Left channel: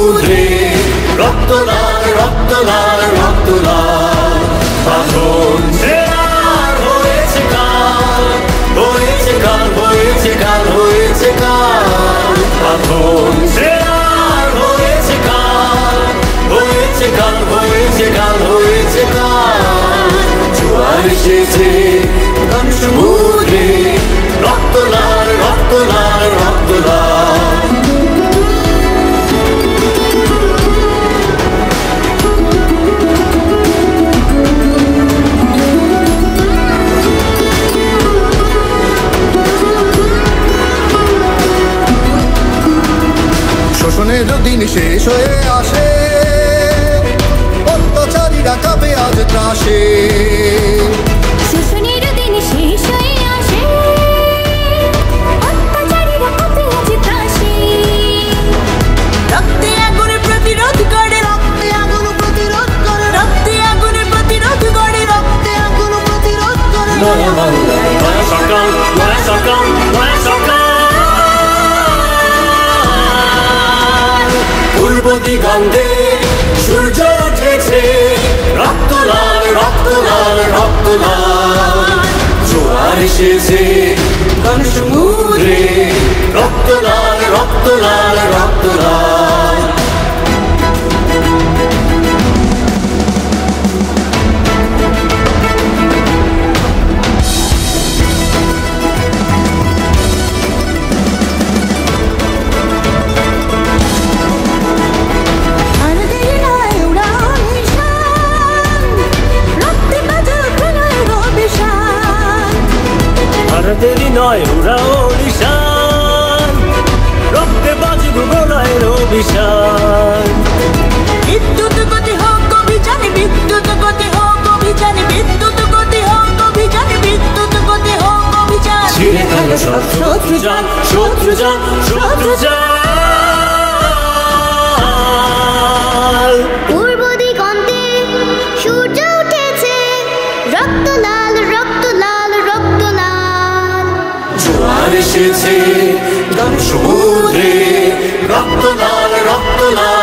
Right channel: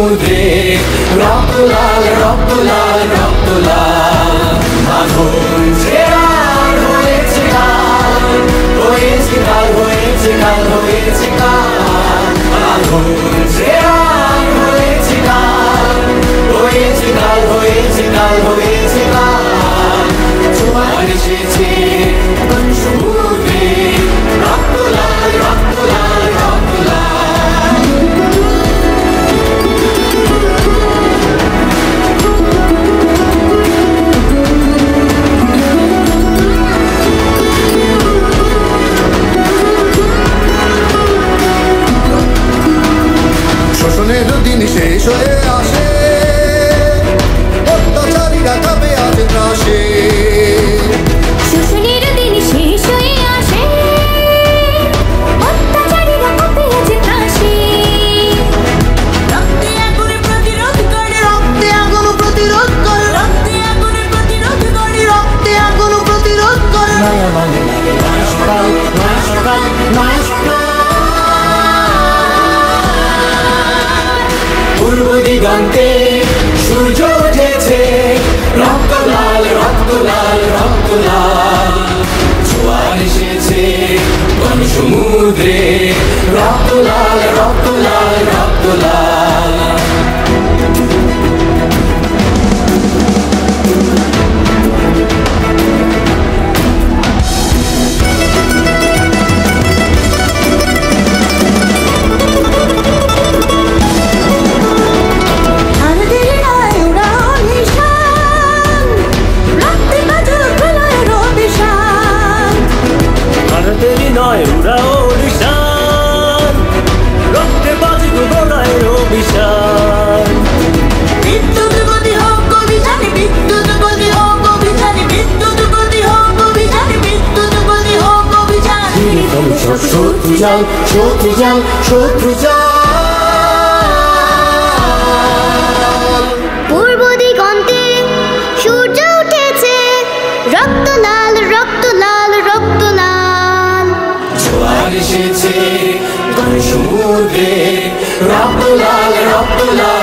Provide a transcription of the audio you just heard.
সমুদ্রে রক্ত লাল রক্ত লাল রক্ত লাল বাঁধন ছেড়ার হয়েছে কাল হয়েছে কাল হয়েছে কাল হয়েছে কাল বাঁধন ছেড়ার হয়েছে কাল হয়েছে কাল হয়েছে কাল হয়েছে কাল জোয়ার এসেছে ঘন সমুদ্রে রক্ত লাল রক্ত লাল রক্ত লাল শোষণের দিন শেষ হয়ে আসে অত্যাচারীরা কাঁপে আজ ত্রাসে শোষণের দিন শেষ হয়ে আসে অত্যাচারীরা কাঁপে আজ ত্রাসে রক্তে আগুনে প্রতিরোধ করে রক্তে আগুন প্রতিরোধ করে রক্তে আগুনে প্রতিরোধ করে রক্তে আগুন প্রতিরোধ করে নয়া বাংলায় নয়া সকাল নয়া সকাল নয়া সকাল পূর্ব দিগন্তে সূর্য উঠেছে রক্ত লাল রক্ত লাল রক্ত লাল জোয়ার এসেছে ঘন সমুদ্রে রক্ত লাল রক্ত লাল রক্ত লাল দেরি নয় উড়াও নিশান রক্তে বাজুক গলায় অভিশান বিদ্যুৎ গতি হোক অভিযানে বিদ্যুৎ গতি হোক অভিযানে বিদ্যুৎ গতি হোক অভিযানে বিদ্যুৎ গতি হোক অভিযান ছিঁড়ে ফেলো সব শত্রু জাল শত্রু জাল শত্রু জাল পূর্ব দিগন্তে সূর্য উঠেছে রক্ত লাল রক্ত লাল রক্ত লাল জোয়ার এসেছে ঘন সমুদ্রে রক্ত লাল রক্ত লাল